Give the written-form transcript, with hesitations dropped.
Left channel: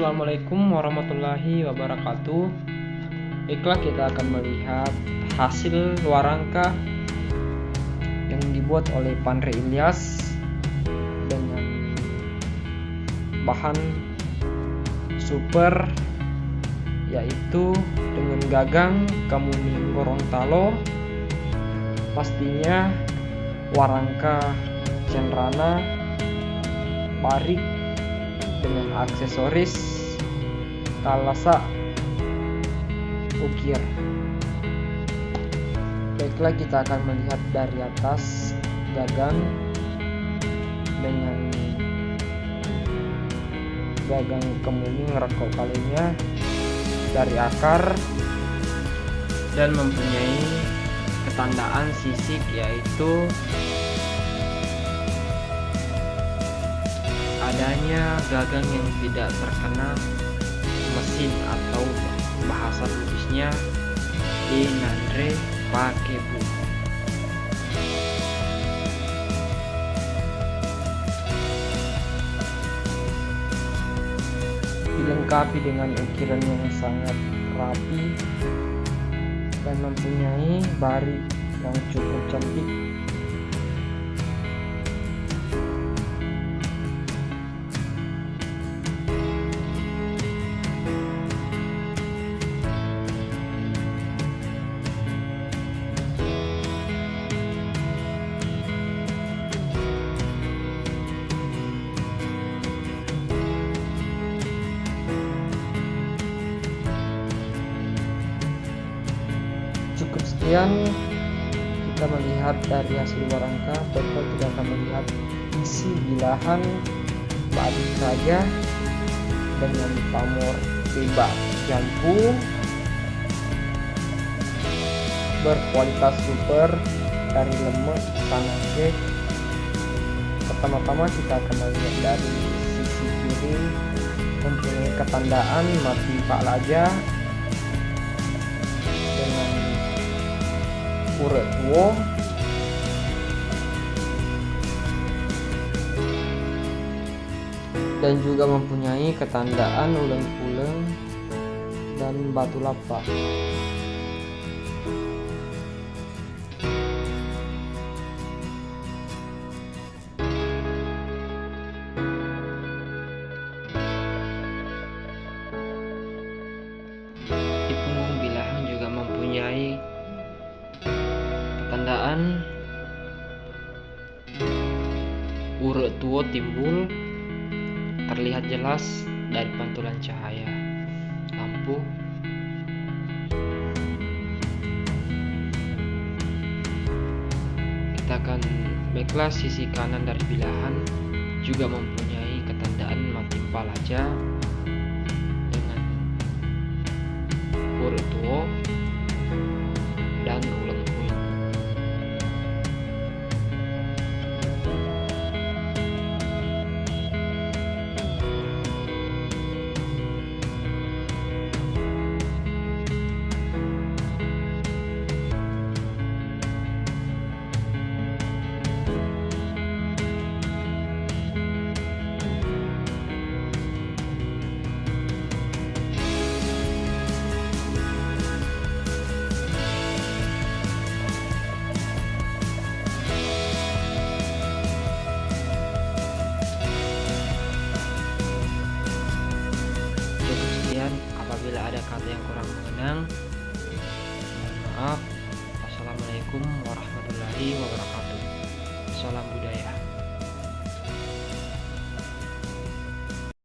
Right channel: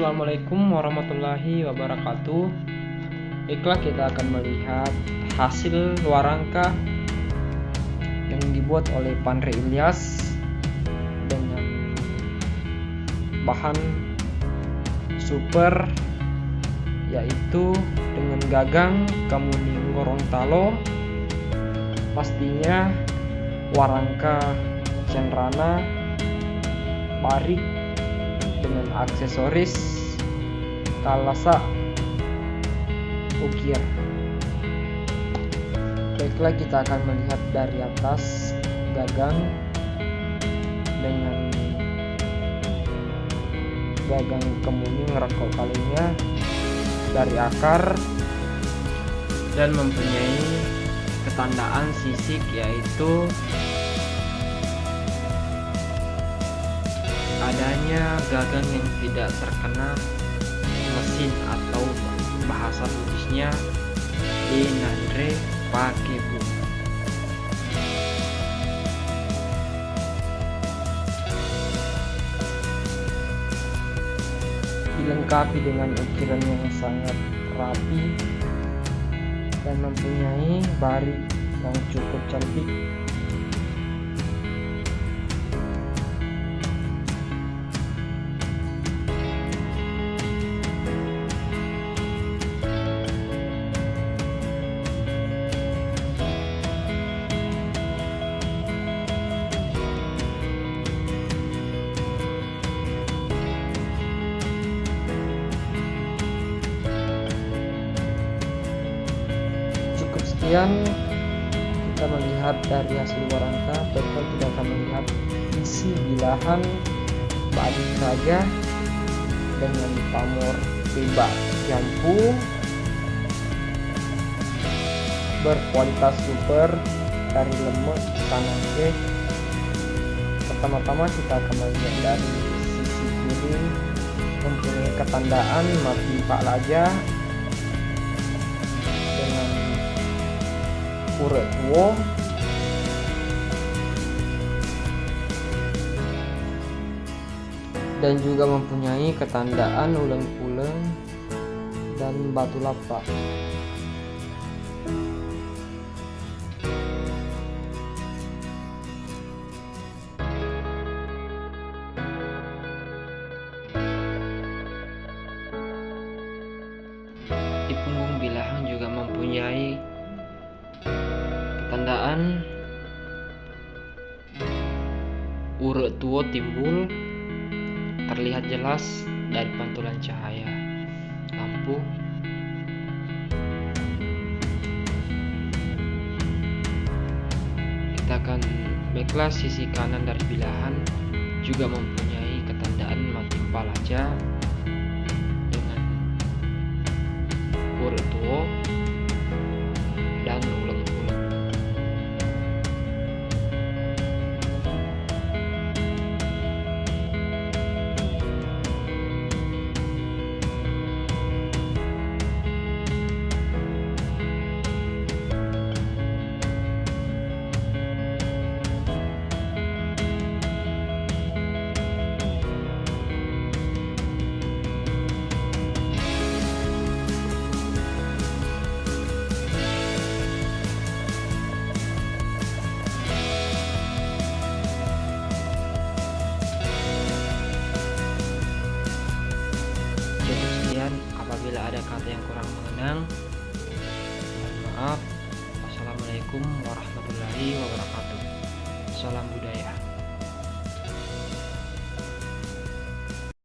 Assalamualaikum warahmatullahi wabarakatuh. Baiklah, kita akan melihat hasil warangka yang dibuat oleh Pandre Ilyas dengan bahan super, yaitu dengan gagang kemuning Gorontalo, pastinya warangka cenrana barik dengan aksesoris kalasa ukir. Baiklah, kita akan melihat dari atas gagang dengan gagang kemuning rekok kalinya dari akar dan mempunyai ketandaan sisik, yaitu adanya gagang yang tidak terkena mesin atau bahasa Buddhisnya inandre pakebu. Dilengkapi dengan ukiran yang sangat rapi dan mempunyai barik yang cukup cantik. Cukup sekian kita melihat dari hasil warangka. Baiklah, kita akan melihat isi bilahan balik saja dengan pamor bebas jampu berkualitas super dari lemek sanage. Pertama-tama kita akan melihat dari sisi kiri mempunyai ketandaan mati Pak Laja dengan urut tuo dan juga mempunyai ketandaan uleng-uleng dan batu lapak. Di punggung bilahan juga mempunyai ketandaan urut tuo timbul, terlihat jelas dari pantulan cahaya lampu. Kita akan baiklah, sisi kanan dari bilahan juga mempunyai ketandaan mati palaja dengan urut tuo dan uleng-uleng. Apabila ada kata yang kurang mengenang, mohon maaf. Wassalamualaikum warahmatullahi wabarakatuh. Salam budaya.